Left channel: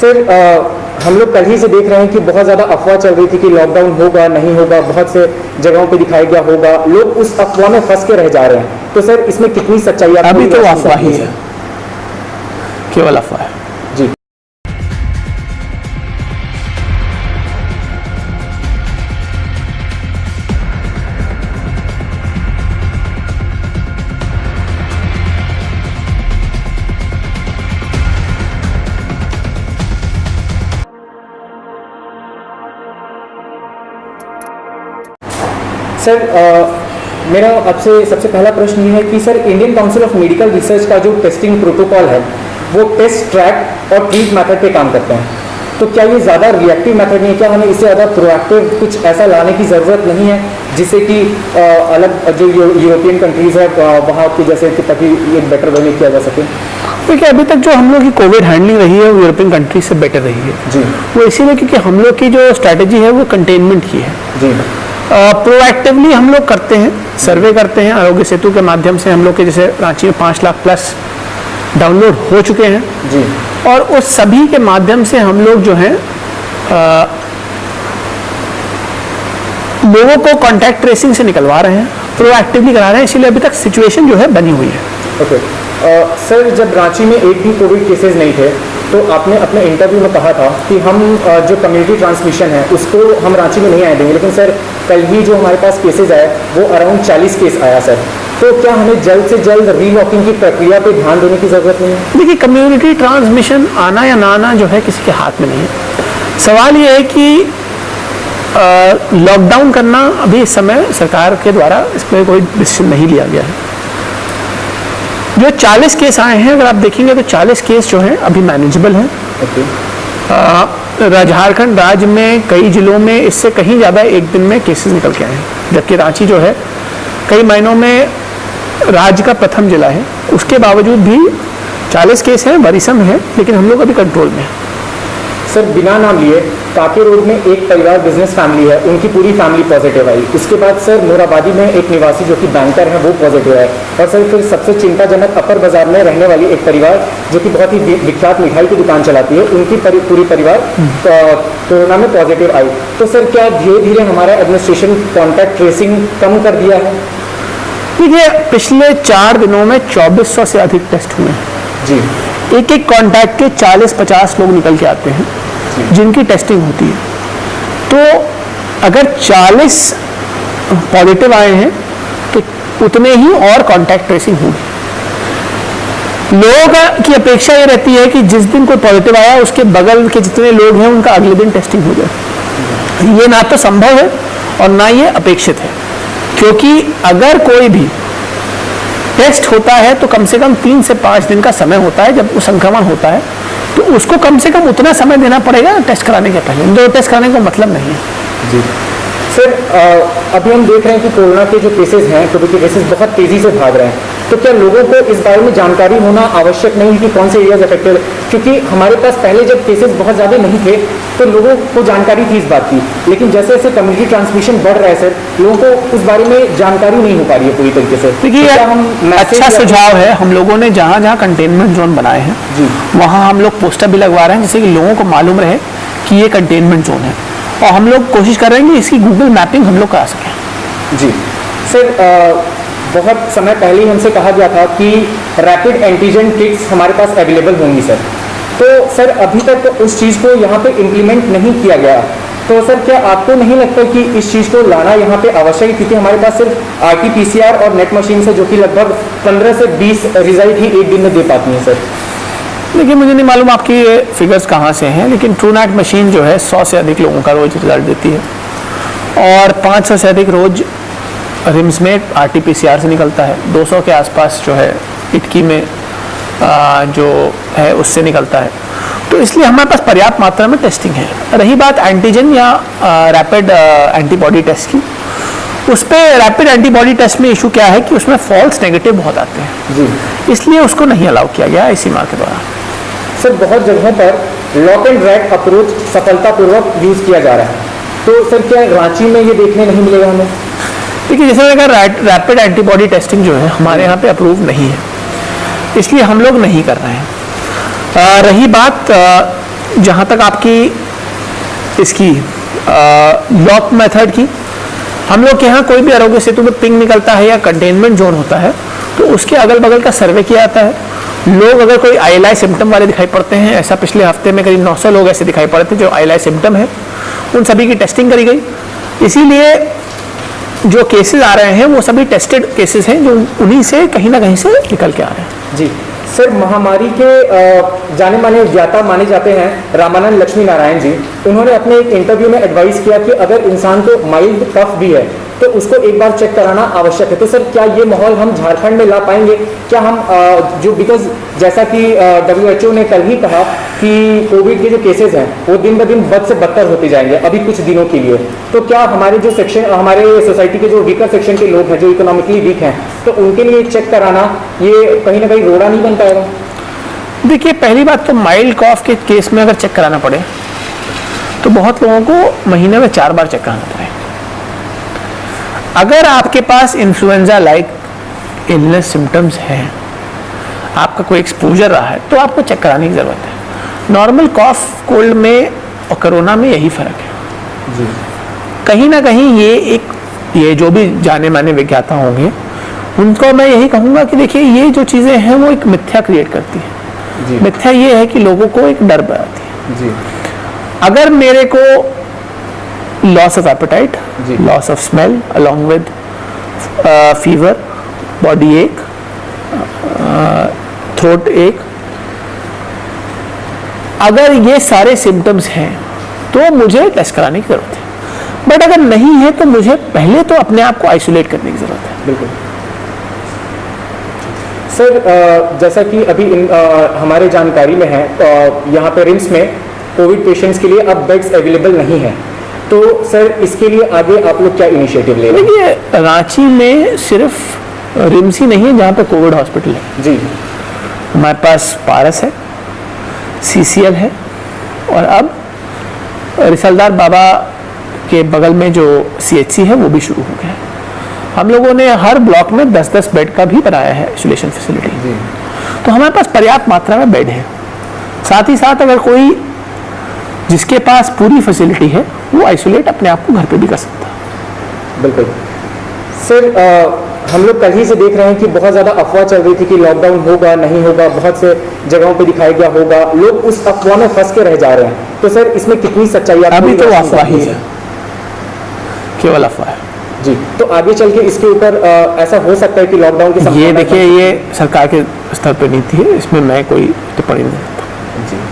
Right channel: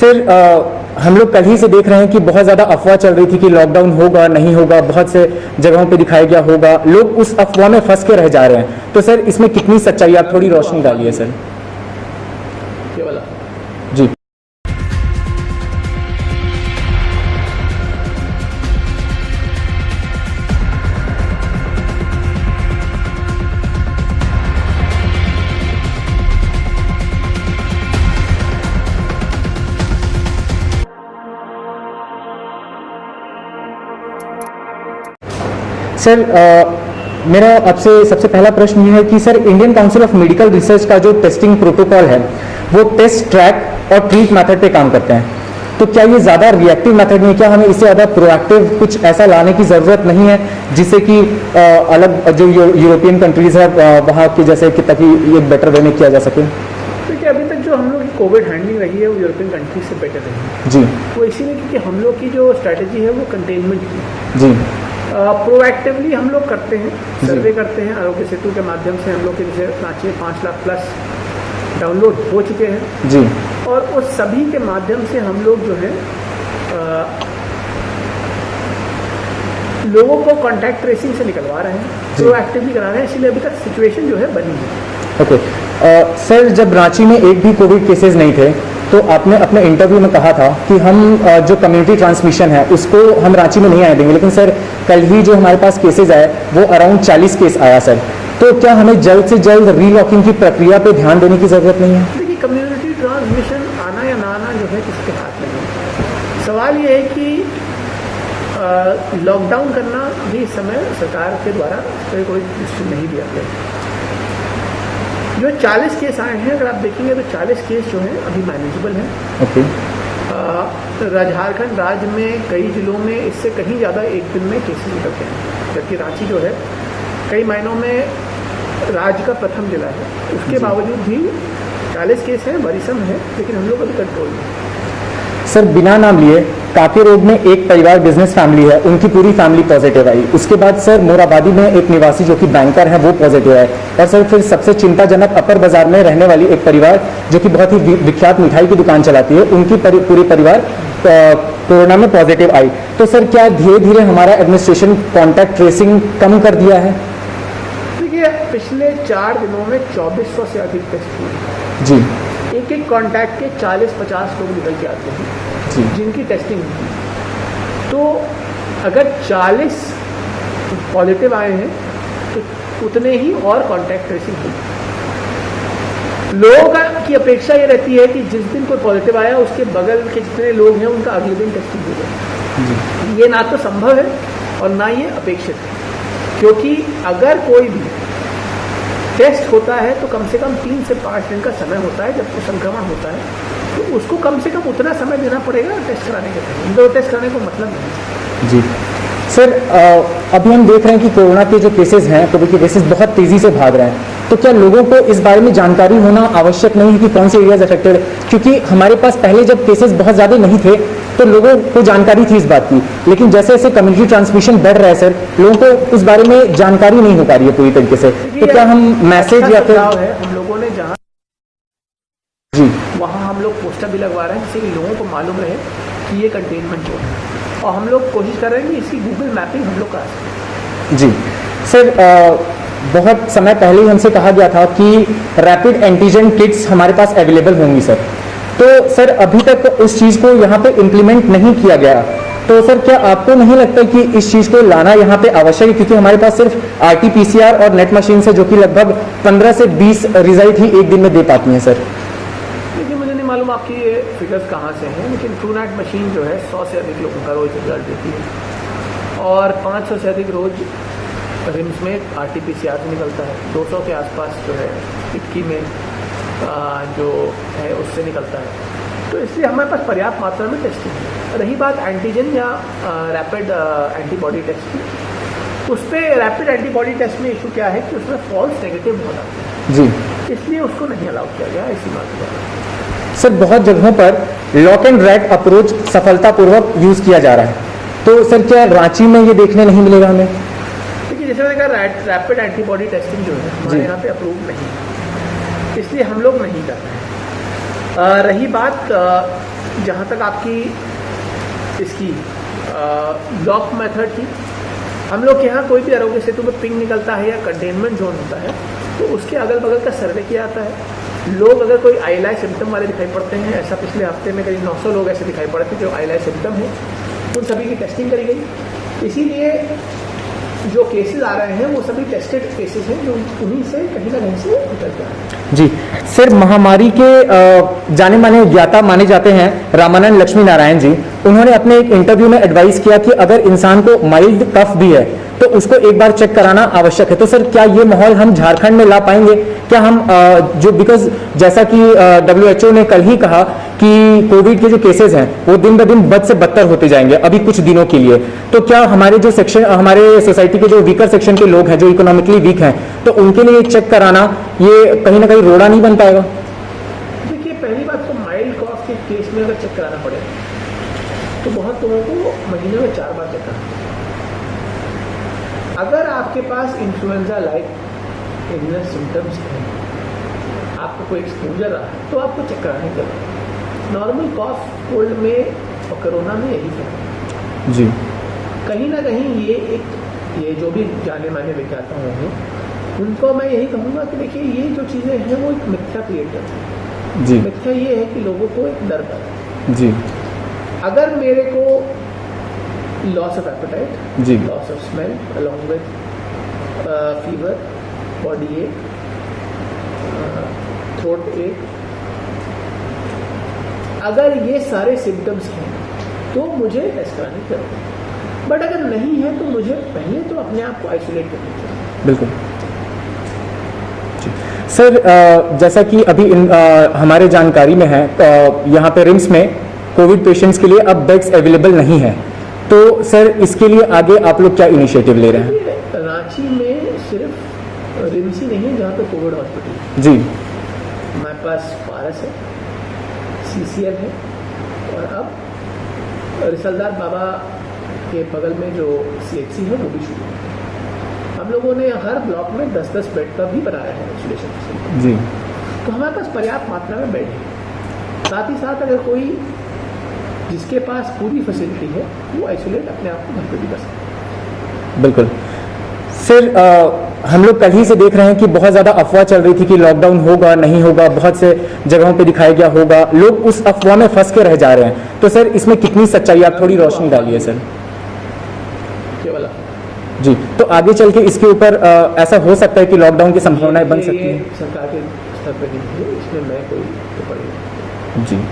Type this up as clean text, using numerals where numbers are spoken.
Sir हम लोग कल ही से देख रहे हैं कि बहुत ज़्यादा अफवाह चल रही थी कि लॉकडाउन होगा नहीं होगा, बहुत से जगहों पे दिखाया गया होगा, लोग उस अफवाह में फंस के रह जा रहे हैं। तो सर इसमें कितनी सच्चाई है? अभी तो अफवाह ही है, केवल अफवाह है जी। सर मेरा आपसे सबसे पहला प्रश्न ये है कि sir Indian council of medical research का जो टेस्टिंग प्रोटोकॉल है वो टेस्ट, ट्रैक और ट्रीट मेथड पे काम करते हैं। तो क्या ये ज़्यादा रिएक्टिव मेथड नहीं, क्या हमें इससे ज़्यादा प्रोएक्टिव कुछ ऐसा लाने की ज़रूरत नहीं है जिससे कि अलग जो यूरोपियन कंट्रीज़ है वहाँ की जैसे कि ताकि ये बेटर वे में किया जा सके? देखिए अभी तक जो हम लोग की कोविड हैंडलिंग रही है वो यूरोपियन कंट्रीज से बेटर रही है जी। वो इसीलिए क्योंकि हम लोग की जो स्ट्रैटेजी है वो कंटेनमेंट की है जी। प्रोएक्टिवली हम लोग करते हैं, सर्वे करते हैं। आरोग्य सेतु के माध्यम से हम लोग के जैसे रांची में 5 लाख प्लस डाउनलोड हो चुके हैं जी। और उस सभी के माध्यम से हम लोग जो है लोगों को कॉन्टैक्ट ट्रेसिंग से निकलवा रहे हैं, प्रोएक्टिवली करा रहे हैं, इसीलिए अभी तक सिचुएशन जो है बनी हुई है। ओके सर, जब रांची में एक भी कोविड केसेस नहीं थे तो आपने अपने इंटरव्यू में कहा था कि हम जो कम्युनिटी ट्रांसमिशन है उसको हम रांची में नहीं आए देंगे, लेकिन सर कल ही जो हमारे पास केसेस आए वो अराउंड 40 केस आया सर। तो क्या हमें जल्द से जल्द रीलॉकिंग की प्रक्रिया पे ध्यान देने की जरूरत नहीं है? देखिए कम्युनिटी ट्रांसमिशन आना या ना आना जो है किसी के हाथ में नहीं है। सवाल ये है कि लॉकडाउन करना अभी इस समय सरकार के द्वारा इसमें कोई डिसीजन नहीं लिया गया है। जो 40 केस आए हैं अगर आप देखेंगे तो 40 केस जो हैं अभी मैनेजेबल हैं। झारखंड राज्य में कई जिलों में इससे कहीं ज़्यादा एक दिन में केसेस निकल के आए हैं, जबकि रांची जो है कई महीनों में राज्य का प्रथम जिला है, उसके बावजूद भी 40 केस हैं, वरीसम है, लेकिन हम लोग अभी कंट्रोल में हैं। सर बिना नाम लिए काके रोड में एक परिवार बिजनेस फैमिली है, उनकी पूरी फैमिली पॉजिटिव आई। उसके बाद सर मोराबादी में एक निवासी जो कि बैंकर है वो पॉजिटिव है, और सर फिर सबसे चिंताजनक अपर बाजार में रहने वाली एक परिवार जो कि बहुत ही विख्यात मिठाई की दुकान चलाती है, उनकी पूरी परिवार कोरोना में पॉजिटिव आई। तो सर क्या धीरे धीरे हमारा एडमिनिस्ट्रेशन कॉन्टैक्ट ट्रेसिंग कम कर दिया है? देखिए पिछले 4 दिनों में 2400 से अधिक टेस्ट हुए हैं जी। एक एक कॉन्टैक्ट के 40-50 लोग निकल के आते हैं जिनकी टेस्टिंग होती है। तो अगर 40 पॉजिटिव आए हैं तो उतने ही और कॉन्टैक्ट ट्रेसिंग होगी। लोगों की अपेक्षा ये रहती है कि जिस दिन कोई पॉजिटिव आया उसके बगल के जितने लोग हैं उनका अगले दिन टेस्टिंग हो जाए। ये ना तो संभव है और ना ये अपेक्षित है, क्योंकि अगर कोई भी टेस्ट होता है तो कम से कम 3 से 5 दिन का समय होता है। जब वो संक्रमण होता है तो उसको कम से कम उतना समय देना पड़ेगा टेस्ट कराने के पहले, दो टेस्ट कराने का मतलब नहीं है। जी सर, अभी हम देख रहे हैं कि कोरोना के जो केसेस हैं, कोविड के केसेस बहुत तेजी से भाग रहे हैं। तो क्या लोगों को इस बारे में जानकारी होना आवश्यक नहीं है कि कौन से एरियाज अफेक्टेड है? क्योंकि हमारे पास पहले जब केसेस बहुत ज़्यादा नहीं थे तो लोगों को जानकारी थी इस बात की, लेकिन जैसे जैसे कम्युनिटी ट्रांसमिशन बढ़ रहा है सर, लोगों को इस बारे में जानकारी नहीं हो पा रही है पूरी तरीके से। देखिए तो क्या हम अच्छा सुझाव है, हम लोगों ने जहाँ जहाँ कंटेनमेंट जोन बनाए हैं जी वहाँ हम लोग पोस्टर भी लगवा रहे हैं जिससे कि लोगों को मालूम रहे कि ये कंटेनमेंट जोन है, और हम लोग कोशिश कर रहे हैं कि इसकी गूगल मैपिंग हम लोग करा सकें। जी सर, बहुत समय पहले ही उनसे कहा गया था कि रैपिड एंटीजन किट्स हमारे पास अवेलेबल होंगी सर। तो सर अभी तक तो उस चीज़ को यहाँ पे इम्प्लीमेंट नहीं किया गया। तो सर क्या आपको नहीं लगता कि इस चीज़ को लाना यहाँ पे आवश्यक है? क्योंकि हमारे पास सिर्फ RT-PCR और नेट मशीन से जो कि लगभग 15 से 20 रिजल्ट ही एक दिन में दे पाती हैं सर। देखिए मुझे नहीं मालूम आपकी ये फिगर्स कहाँ से हैं, लेकिन ट्रूनैट मशीन जो है 100 से अधिक लोगों का रोज रिजल्ट देती है, और 500 से अधिक रोज रिम्स में RT-PCR से निकलता है, 200 के आसपास जो है इटकी में जो है उससे निकलता है। तो इसलिए हमारे पास पर्याप्त मात्रा में टेस्टिंग है। रही बात एंटीजन या रैपिड एंटीबॉडी टेस्ट की, उस पर रैपिड एंटीबॉडी टेस्ट में इशू क्या है कि उसमें फॉल्स नेगेटिव बहुत आते हैं जी, इसलिए उसको नहीं अलाउ किया गया इसी माह के द्वारा। सर बहुत जगहों पर लॉक एंड रैक अप्रोच सफलतापूर्वक यूज किया जा रहा है, तो सर क्या रांची में ये देखने नहीं मिलेगा हमें? देखिए जैसे मैंने कहा रैपिड एंटीबॉडी टेस्टिंग जो है हमारे यहाँ पे अप्रूव नहीं है, इसलिए हम लोग नहीं कर रहे हैं। रही बात जहाँ तक आपकी इसकी लॉक मेथड की, हम लोग के यहाँ कोई भी आरोग्य सेतु में पिंग निकलता है या कंटेनमेंट जोन होता है तो उसके अगल बगल का सर्वे किया जाता है। लोग अगर कोई ILI सिम्टम वाले दिखाई पड़ते हैं, ऐसा पिछले हफ्ते में करीब 900 लोग ऐसे दिखाई पड़े थे जो ILI सिम्टम है, उन सभी की टेस्टिंग करी गई। इसीलिए जो केसेस आ रहे हैं वो सभी टेस्टेड केसेस हैं जो उन्हीं से कहीं ना कहीं से निकल के आ रहे हैं। जी सर, महामारी के जाने माने ज्ञाता माने जाते हैं रामानंद लक्ष्मी नारायण जी, उन्होंने अपने एक इंटरव्यू में एडवाइस किया कि अगर इंसान को माइल्ड कफ भी है तो उसको एक बार चेक कराना आवश्यक है। तो सर क्या ये माहौल हम झारखंड में ला पाएंगे? क्या हम जो बिकॉज जैसा कि WHO ने कल ही कहा कि कोविड के जो केसेस हैं वो दिन ब दिन बद से बदतर होते जाएंगे अभी कुछ दिनों के लिए, तो क्या हमारे जो सेक्शन, हमारे सोसाइटी के जो वीकर सेक्शन के लोग हैं जो इकोनॉमिकली वीक हैं, तो उनके लिए चेक कराना ये कहीं ना कहीं रोड़ा नहीं बन पाएगा? देखिए, पहली बात तो माइल्ड कॉफ के केस में अगर चेक कराना पड़े तो बहुत लोगों को महीने में 4 बार चेक कराना पड़े। अगर आपके पास इन्फ्लुएंजा लाइक इलनेस सिम्टम्स हैं, आपका कोई एक्सपोजर रहा है, तो आपको चेक कराने की ज़रूरत है। नॉर्मल कॉफ कोल्ड में और कोरोना में यही फ़र्क है जी। कहीं ना कहीं ये जो भी जाने माने विज्ञाता होंगे उनको मैं यही कहूँगा कि देखिए, ये जो चीज़ें हैं वो एक मिथ्या क्रिएट करती है जी। मिथ्या ये है कि लोगों को एक डर बनाती है जी। अगर मेरे को लॉस ऑफ एपेटाइट, जी। Loss of smell along with fever, body ache, throat ache, अगर ये सारे सिम्टम्स हैं तो मुझे टेस्ट कराने की जरूरत है। बट अगर नहीं है तो मुझे पहले तो अपने आप को आइसोलेट करने की जरूरत है। बिल्कुल सर, जैसा कि अभी हमारे जानकारी में है, यहाँ पे रिम्स में कोविड पेशेंट्स के लिए अब बेड्स अवेलेबल नहीं है, तो सर इसके लिए आगे आप लोग क्या इनिशिएटिव ले रहे हैं? देखिए, रांची में सिर्फ रिम्स ही नहीं है जहाँ पे कोविड हॉस्पिटल है जी। हमारे पास पारस है, CCL है, और अब रिसलदार बाबा के बगल में जो CHC है वो भी शुरू हो गया है। हम लोगों ने हर ब्लॉक में 10-10 बेड का भी बनाया है आइसोलेशन फैसिलिटी जी। तो हमारे पास पर्याप्त मात्रा में बेड है। साथ ही साथ अगर कोई जिसके पास पूरी फैसिलिटी है वो आइसोलेट अपने आप को घर पे भी कर सकता है। बिल्कुल सर, हम लोग कल ही से देख रहे हैं कि बहुत ज़्यादा अफवाह चल रही थी कि लॉकडाउन होगा नहीं होगा, बहुत से जगहों पे दिखाया गया होगा, लोग उस अफवाह में फंस के रह जा रहे हैं, तो सर इसमें कितनी सच्चाई आप अभी तो अफवाह ही है, केवल अफवाह है जी। तो आगे चल के इसके ऊपर ऐसा हो सकता है कि लॉकडाउन की ये देखिए, ये सरकार के स्तर पर नीति है, इसमें मैं कोई टिप्पणी नहीं करता। जी।